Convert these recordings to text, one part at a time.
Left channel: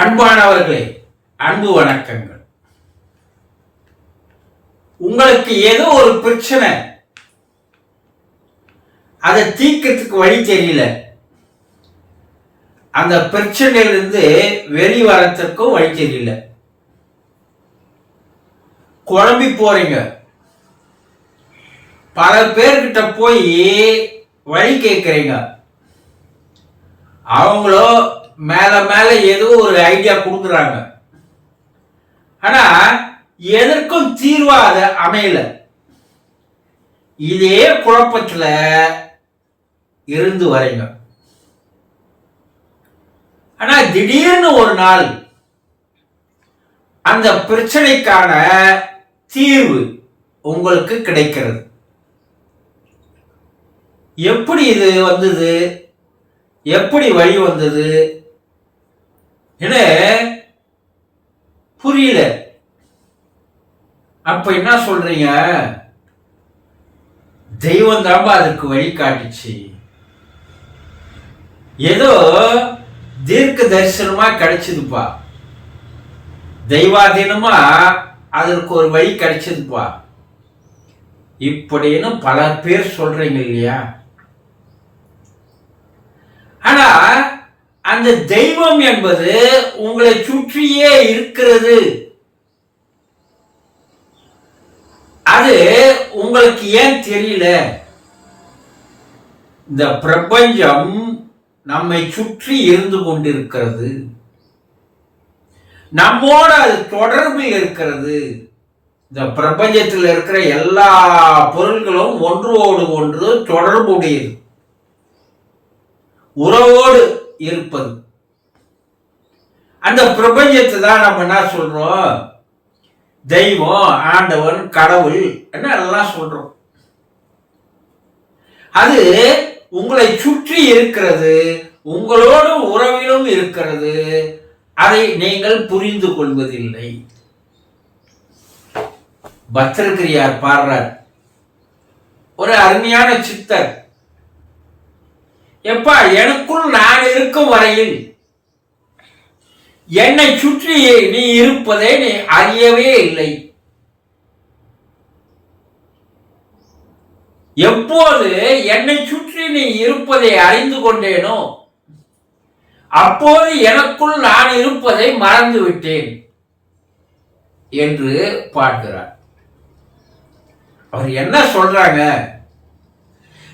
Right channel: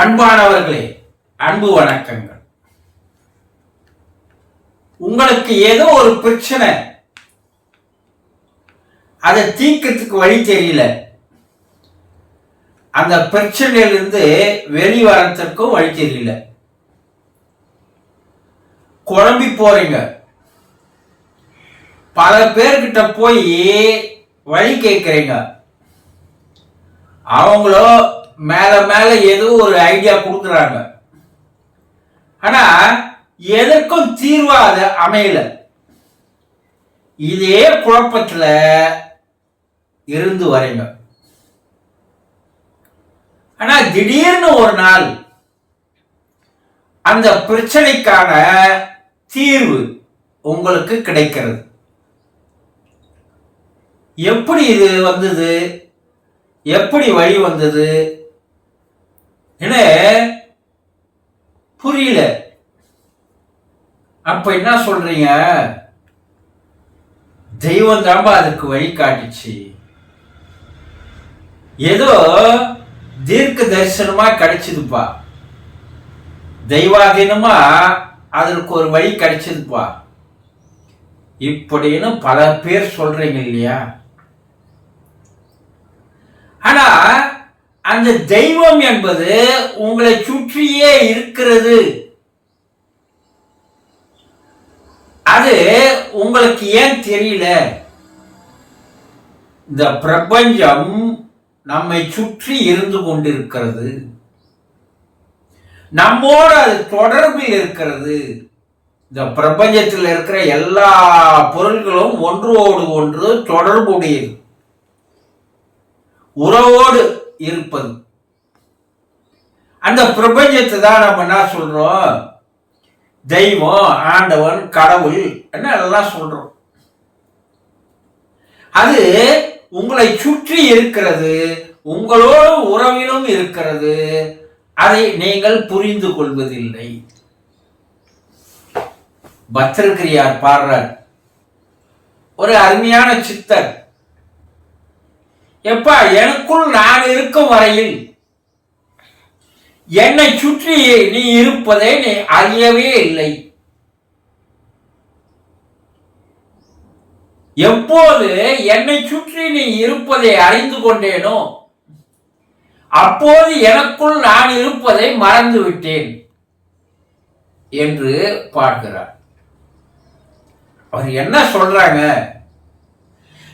அன்பானவர்களே, அன்பு வணக்கங்கள். உங்களுக்கு ஏதோ ஒரு பிரச்சனை, அதை தீர்க்கறதுக்கு வழி தெரியல. அந்த பிரச்சனையிலிருந்து வெளிவரத்திற்கும் வழி தெரியல. குழம்பி போறீங்க. பல பேர்கிட்ட போய் வழி கேட்குறீங்க. அவங்களோ மேல மேல ஏதோ ஒரு ஐடியா கொடுக்குறாங்க. ஆனா எதற்கும் தீர்வா அதை அமையல. இதே குழப்பத்துல இருந்து வரீங்க. ஆனா திடீர்னு ஒரு நாள் அந்த பிரச்சனைக்கான தீர்வு உங்களுக்கு கிடைக்கிறது. எப்படி இது வந்தது, எப்படி வழி வந்தது என புரியல. அப்ப என்ன சொல்றீங்க? தெய்வம் தான்பா அதுக்கு வழி காட்டுச்சு. ஏதோ தீர்க்க தரிசனமா கிடைச்சதுப்பா, தெய்வாதீனமா அதற்கு ஒரு வழி கிடைச்சதுப்பா இப்படின்னு பல பேர் சொல்றீங்க இல்லையா? ஆனா அந்த தெய்வம் என்பது உங்களை சுற்றியே இருக்கிறது. அது உங்களுக்கு ஏன் தெரியல? இந்த பிரபஞ்சம் நம்மை சுற்றி இருந்து கொண்டிருக்கிறது. நம்மோடு அது தொடர்பில் இருக்கிறது. இந்த பிரபஞ்சத்தில் இருக்கிற எல்லா பொருள்களும் ஒன்றோடு ஒன்று தொடர்புடையது, உறவோடு இருப்பது. அந்த பிரபஞ்சத்தை தான் நம்ம என்ன சொல்றோம்? தெய்வம், ஆண்டவன், கடவுள் என்ன எல்லாம் சொல்றோம். அது உங்களை சுற்றி இருக்கிறது, உங்களோடு உறவிலும் இருக்கிறது. அதை நீங்கள் புரிந்து கொள்வதில்லை. பத்திரகிரியார் பாடுறார், ஒரு அருமையான சித்தர். எப்பா, எனக்குள் நான் இருக்கும் வரையில் என்னை சுற்றி நீ இருப்பதை நீ அறியவே இல்லை. எப்போது என்னை சுற்றி நீ இருப்பதை அறிந்து கொண்டேனோ அப்போது எனக்குள் நான் இருப்பதை மறந்து விட்டேன் என்று பாடுகிறார். அவர் என்ன சொல்றாங்க?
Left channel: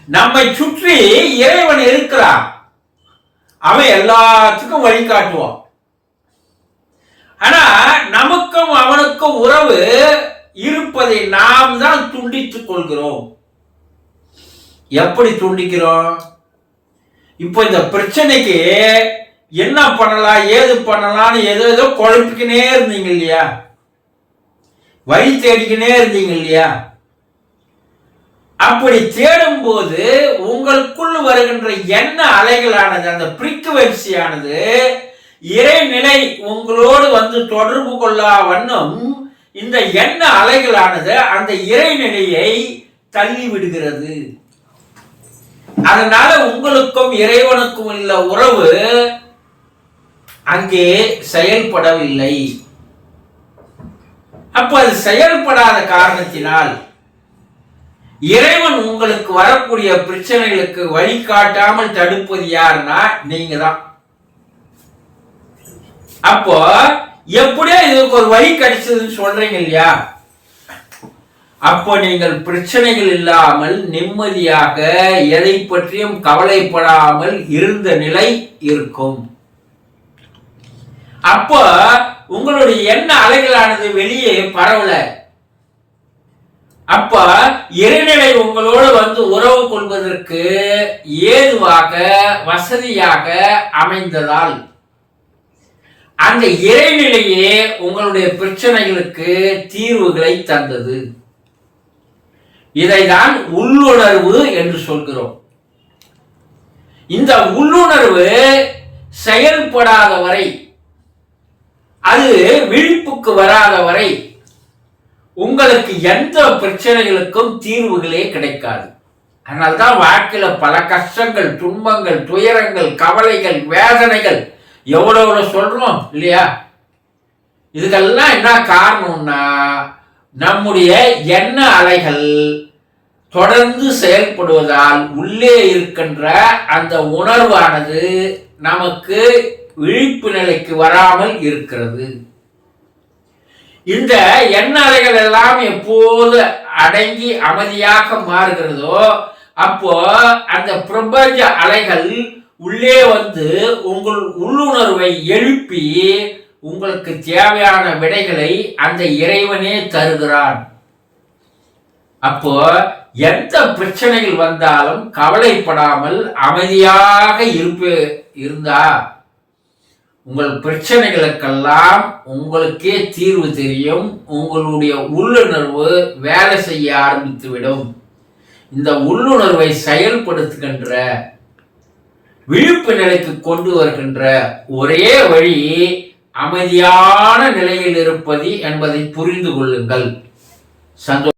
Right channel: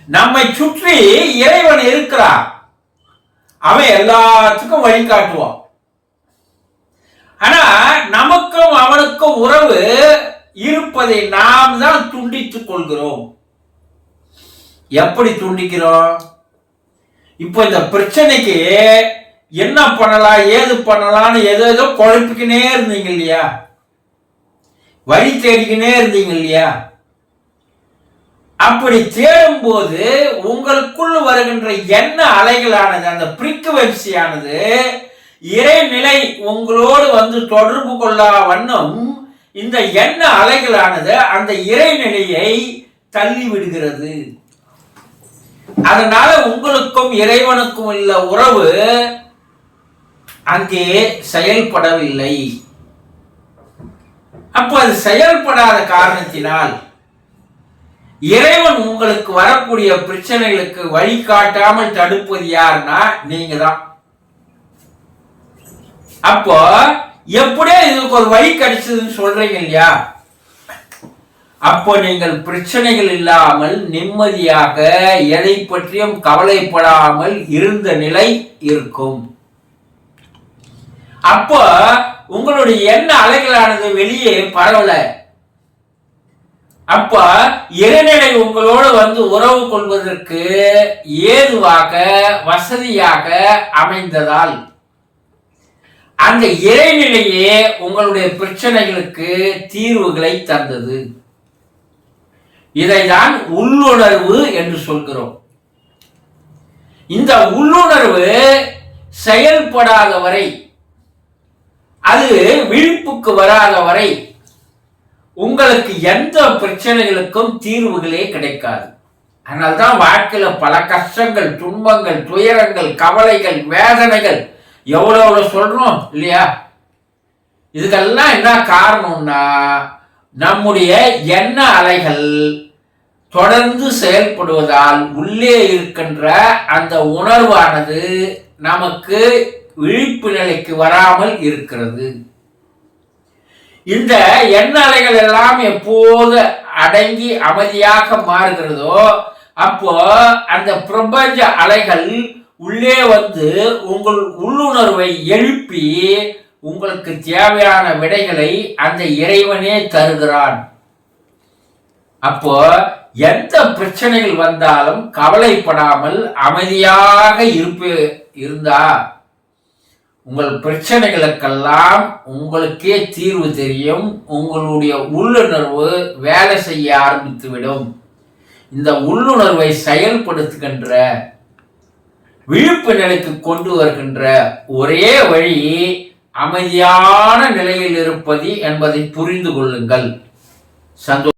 நம்மை சுற்றி இறைவன் இருக்கிறான். அவன் எல்லாத்துக்கும் வழிகாட்டுவான். ஆனா நமக்கும் அவனுக்கும் உறவு இருப்பதை நாம் தான் துண்டித்துக் கொள்கிறோம். எப்படி துண்டிக்கிறோம்? இப்போ இந்த பிரச்சனைக்கு என்ன பண்ணலாம், ஏது பண்ணலாம்னு ஏதோ குழப்பிக்கினே இருந்தீங்க இல்லையா? வழி தேடிக்கினே இருந்தீங்க இல்லையா? அப்படி தேடும் போது உங்களுக்குள் வருகின்ற எண்ண அலைகளானது, அந்த ஃப்ரீக்குவென்சியானது, இறைநிலை உங்களோடு வந்து தொடர்பு கொள்ளா வண்ணம் இந்த எண்ண அலைகளானது அந்த இறைநிலையை தள்ளி விடுகிறது. அதனால உங்களுக்கும் இறைவனுக்கும் உள்ள உறவு அங்கே செயல்படவில்லை. அப்ப அது செயல்படாத காரணத்தினால் இறைவன் உங்களுக்கு வரக்கூடிய பிரச்சனைகளுக்கு வழிகாட்டாமல் தடுப்பது யாருன்னா நீங்க தான். அப்போ எப்படியோ இதுக்கு ஒரு வழி கிடைச்சதுன்னு சொல்றீங்க இல்லையா? அப்போ நீங்கள் பிரச்சனைகள் இல்லாமல் நிம்மதியாக எதை பற்றியும் கவலைப்படாமல் இருந்த நிலை இருக்கும். அப்போ உங்களுடைய எண்ண அலைகளானது வெளியே பரவல. அப்ப இறைநிலை உங்களோடு வந்து உறவு கொள்வதற்கு ஏதுவாக வசதியாக அமைந்ததால் அந்த இறைநிலையே உங்களுடைய பிரச்சனைகளுக்கு தீர்வுகளை தந்தது. இதைதான் உள்ளுணர்வு என்று சொல்கிறோம். இந்த உள்ளுணர்வு செயல்படாத வரை, அது விழிப்புக்கு வராத வரை உங்களுக்கு எந்த பிரச்சனைகளுக்கும் தீர்வுகளே கிடைக்காது. அதனால்தான் வாழ்க்கையில பல கஷ்டங்கள், துன்பங்கள், துயரங்கள், கவலைகள், வேதனைகள் எவ்வளோ எவ்வளோ சொல்கிறோம் இல்லையா? இதுக்கெல்லாம் என்ன காரணம்னா, நம்முடைய எண்ண அலைகள் தொடர்ந்து செயல்படுவதால் உள்ளே இருக்கின்ற அந்த உணர்வானது நமக்கு விழிப்பு நிலைக்கு வராமல் இருக்கிறது. இந்த எண்ண அலைகள் எல்லாம் எப்போது அடங்கி அமைதியாக மாறுகிறதோ அப்போ அந்த பிரபஞ்ச அலைகள் உள்ளே வந்து உங்கள் உள்ளுணர்வை எழுப்பி உங்களுக்கு தேவையான விடைகளை அந்த இறைவனே தருகிறான். அப்போ எந்த பிரச்சனைகள் வந்தாலும் கவலைப்படாமல் அமைதியாக இருந்தா உங்கள் பிரச்சனைகளுக்கெல்லாம் உங்களுக்கே தீர்வு தெரியும். உங்களுடைய உள்ளுணர்வு வேலை செய்ய ஆரம்பித்துவிடும். இந்த உள்ளுணர்வை செயல்படுத்துகின்ற விழிப்பு நிலைக்கு கொண்டு வருகின்ற ஒரே வழி அமைதியான நிலையில் இருப்பது என்பதை புரிந்து கொள்ளுங்கள். சந்தோஷம்.